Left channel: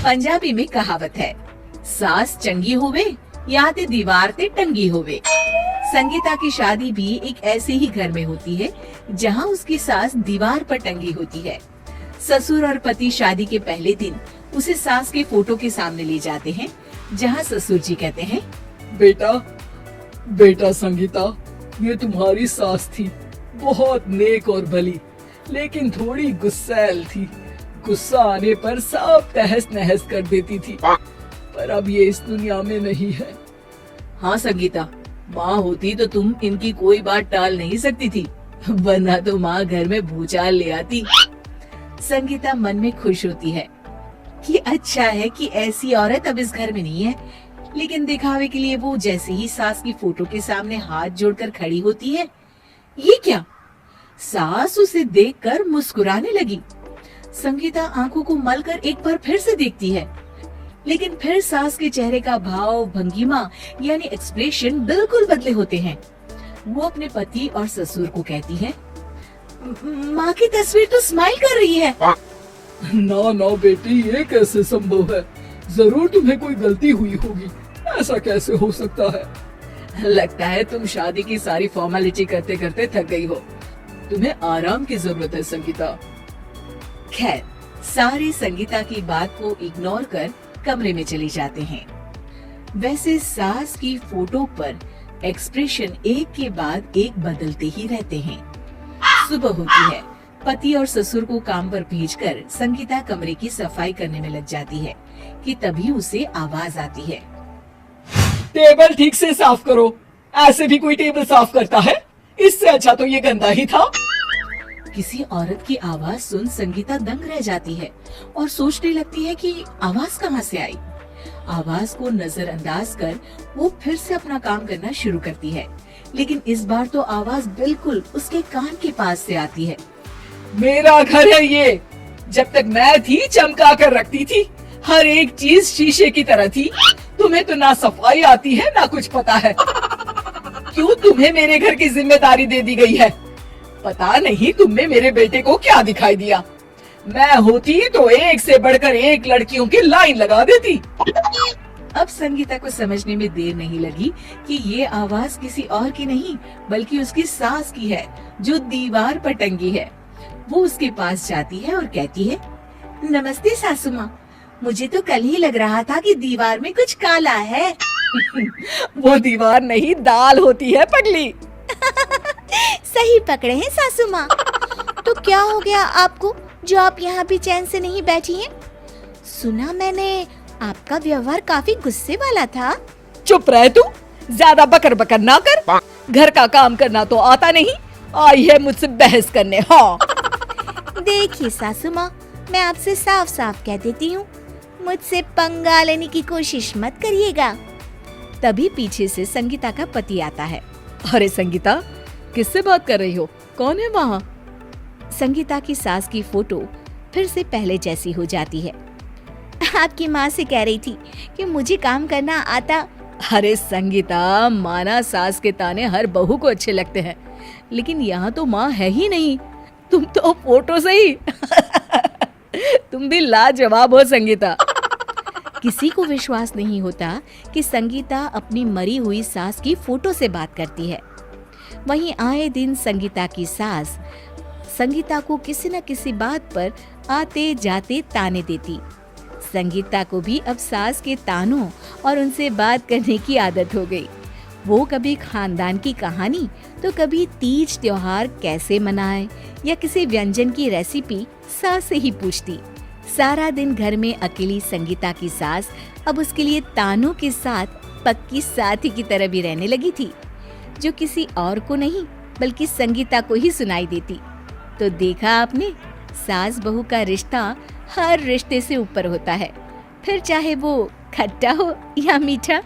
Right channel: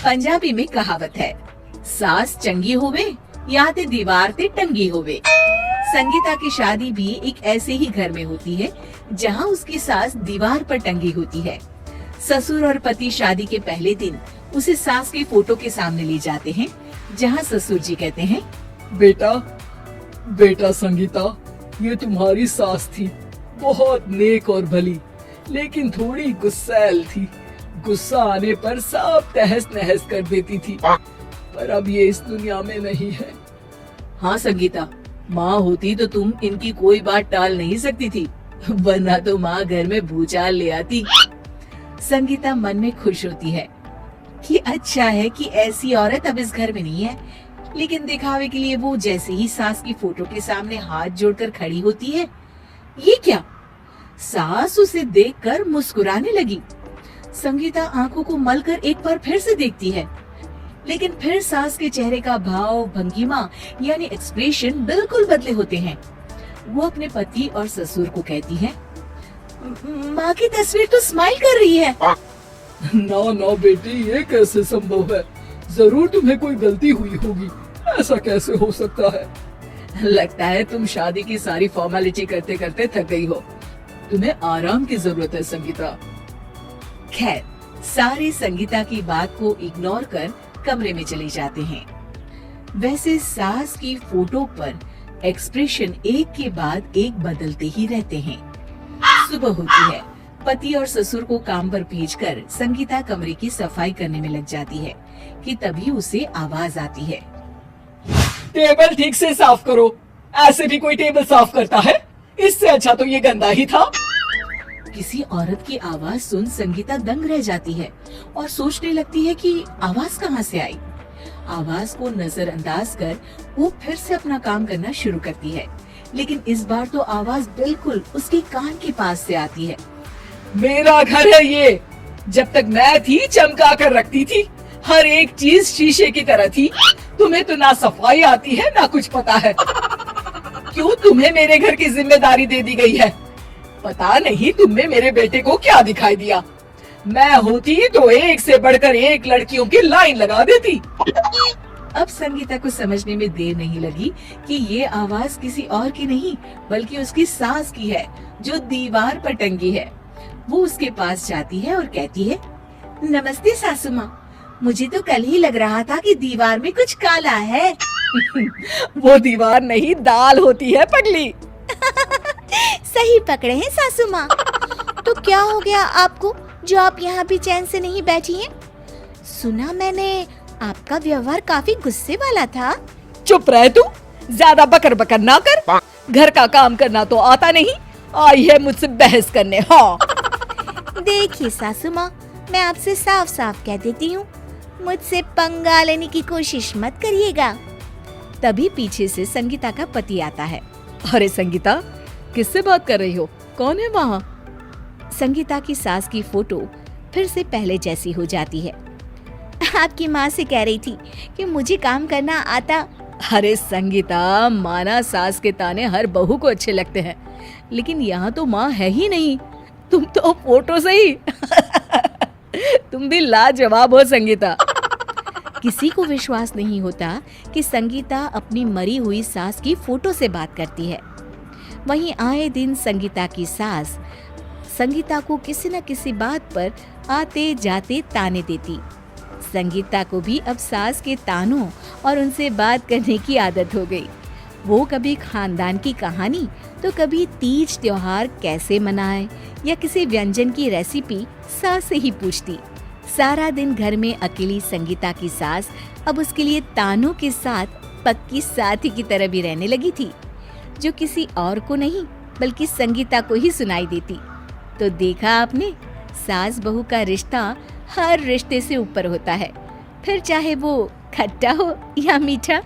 पंजाबी में कहावत है, सास चंगी होवे या ते दीवार ते टंगी होवे। संगीता की शादी भी एक ऐसे ही घर में होती है जहां उसकी सास दीवार पर टंगी होती है। ससुर और पति शादी के पहले दिन उसे सास के फोटो के सामने ले जाते हैं, जहां ससुर जी कहते हैं, बेटा बेटा संगीता, ये तुम्हारी सास थी, बहुत नेक और भली, लेकिन थोड़ी गुस्सैल थी। गुस्सा आने पर सब तहस नहस कर देती थी, पर अब ये इस दुनिया में नहीं है। हाँ संगीता, माँ होती तो तुम इनकी कोई बात टाल नहीं सकती थी, वरना तो माँ घर में भूचाल ले आती। संगीता मन में खुश होती है कि अच्छा है कि ऐसी औरत अब इस घर में नहीं है, लेकिन दिखावे के लिए वो जैसे ही सास की फोटो के सामने हाथ जोड़कर खड़ी होती है, ये क्या? सास उसे देखकर मुस्कुराने लगी। संगीता आंखों को मलकर एक बार फिर से देखती है, लेकिन फिर सास के चेहरे का भाव, भंगिमा यानी एक्सप्रेशन बिल्कुल बदले होते हैं। वो अपने पति और ससुर को कहती है, माँ की तस्वीर तो स्माइल कर रही है। ना ना बेटी, ये कैसे संभव है? जरूर तुम्हें कोई गलती हुई होगी, ऐसा कैसे हो सकता है? लगता है तुम शादी की सारी फॉर्मेलिटी करते करते थक गई हो, तुम्हें आराम की जरूरत है संगीता। खैर, सारे संगीता की बात को इग्नोर कर कमरे में चले जाते हैं। वैसे सास की फोटो पर एक्सप्रेशन एक के बाद एक बदलते ही रहते हैं। सुबह होती है, पति और ससुर को काम पर भेजकर संगीता कमरे की सफाई करने में लग जाती है कि तभी उसे आवाज आती है, टेबल ठीक से साफ करो। ऐसे भी कोई टेबल साफ करता है? इससे अच्छा तो ये गंदा ही था। किसी औरत की आवाज सुन संगीता दंग रह जाती है और सोचने लगती है कि आवाज कहाँ से आई। आवाज को नजरअंदाज कर वो फिर से अपना काम करना शुरू करती है, लेकिन इस बार तो आवाज बिल्कुल उसके कान के पास से आती है। मेरा घर है ये, जब तक मैं थी चमका कर रखती थी, हर एक चीज शीशे की तरह थी। तुम्हें तो ना सफाई आती है ना कुछ पता है। क्यों तुम्हें मेरे घर की जिम्मेदारी दे दी गई है? पता नहीं तुमने मेरे बेटे को क्या दिखाई दिया। मैं होती तो एक से बढ़कर एक लड़कियों की लाइन लगा देती। अब संगीता को समझने में देर नहीं लगी कि ये आवाज किसी और की नहीं बल्कि उसकी सास की है, जो दीवार पर टंगी है। वो उसके पास जाती है और कहती है, नमस्ते सासू माँ, मुझे तो कल ही लग रहा था कि दीवार में कुछ काला है। वो दीवार नहीं, दाल होती है पगली। सही पकड़े हैं सासू माँ। तो क्या हो गया आपको जो आप यहाँ भी चैन से नहीं बैठी हैं? सुना मैंने आपका व्यवहार काफी गुस्से वाला था। चुप रह तू, ज्यादा बकर बकर ना कर। घर का काम करना तो आता नहीं, आई है मुझसे बहस करने। हाँ देखिए सासू माँ, मैं आपसे साफ साफ कह देती हूँ, मुझसे पंगा लेने की कोशिश मत करिएगा। तभी पीछे से संगीता का पति आता है। अरे संगीता, किससे बात कर रही हो? कौन है वहाँ? संगीता की सास की फोटो फिर से पहले जैसी हो जाती है। आपकी माँ से कह रही थी कि मुझे काम करना आता। अरे संगीता, माना सास के ताने हर बहू को अच्छे लगते हैं, लेकिन यहाँ तो माँ है ही नहीं, तुम तो फोटो से ही। तुम भी लाजवाब हो संगीता। किसी को विश्वास नहीं होता कि संगीता अपनी मरी हुई सास की फोटो से बात करती है। वहीं आए दिन संगीता की सास संगीता को किसी न किसी बात पर आते जाते ताने देती। संगीता को भी अब सास के तानों और उनसे बात करने की आदत हो गई। वो कभी खानदान की कहानी तो कभी तीज त्योहार कैसे मनाए या किसी व्यंजन की रेसिपी सास से ही पूछती। सारा दिन घर में अकेली संगीता की सास अब उसके लिए तानों के साथ पक्की साथी की तरह भी रहने लगी थी, जो किसी और को नहीं बल्कि संगीता को ही सुनाई देती। तो देखा आपने, सास बहू का रिश्ता हर रिश्ते से ऊपर होता है, फिर चाहे वो खट्टा हो या मीठा।